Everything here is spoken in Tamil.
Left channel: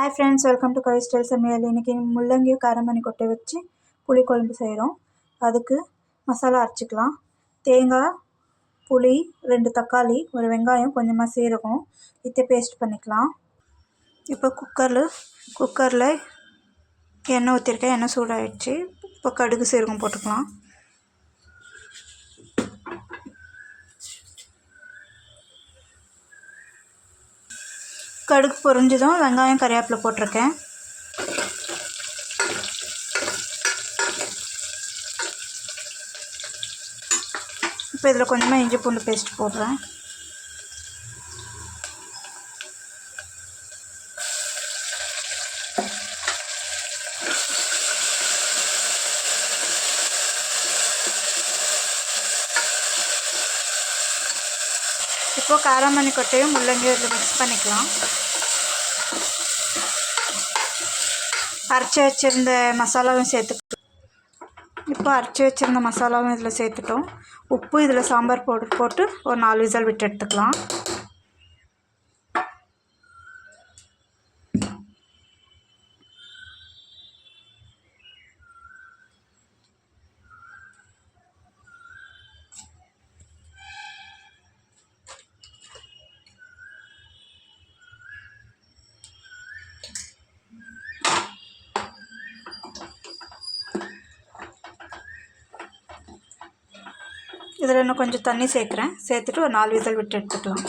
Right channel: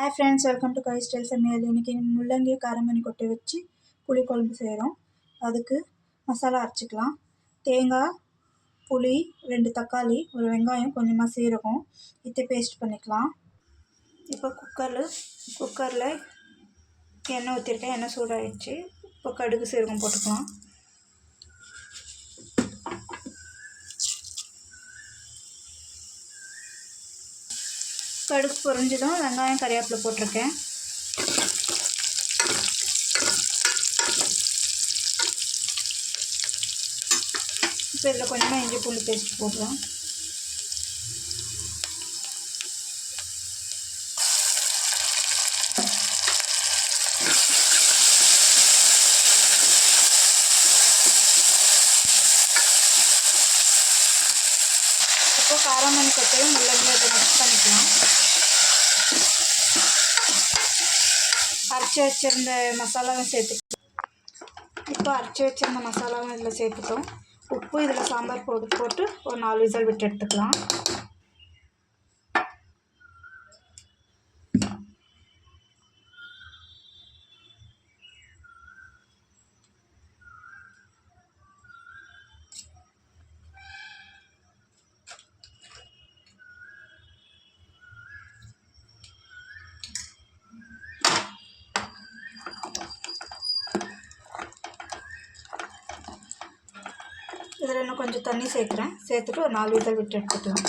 Hi friends, welcome to Kavi style சமையல். இன்றைக்கி முள்ளங்கியும் காரமணி கொட்டை வச்சு புளி குழம்பு செய்கிறோம். அதுக்கு மசாலா அரைச்சிக்கலாம். தேங்காய், புளி, 2 தக்காளி, ஒரு வெங்காயம், கொஞ்சமாக சீரகம் இதை பேஸ்ட் பண்ணிக்கலாம். இப்போ குக்கரில் எண்ணெய் ஊற்றிருக்கேன். எண்ணெய் சூடாகிடுச்சு. இப்போ கடுகு சீரகம் போட்டுக்கலாம். கடுகு பொரிஞ்சதும் வெங்காயம் கறிவேப்பிலை போட்டிருக்கேன். இப்போ இதில் கொஞ்சமாக இஞ்சி பூண்டு பேஸ்ட் போடுறேன். இப்போது காரமணி கொட்டையும் முள்ளங்கியும் இதில் மிக்ஸ் பண்ணிக்கலாம். அரைச்சி வச்சுருந்த மசாலாவும் இதில் சேர்த்துட்டோம். உப்பு இதில் சாம்பார் போட்டு ஒரு 4 விசில் விட்டு எடுத்துக்கலாம். இதில் இன்னும் கொஞ்சம் தண்ணி சேர்த்துட்டு ஒரு 4 விசில் விட்டு எடுத்துக்கலாம்.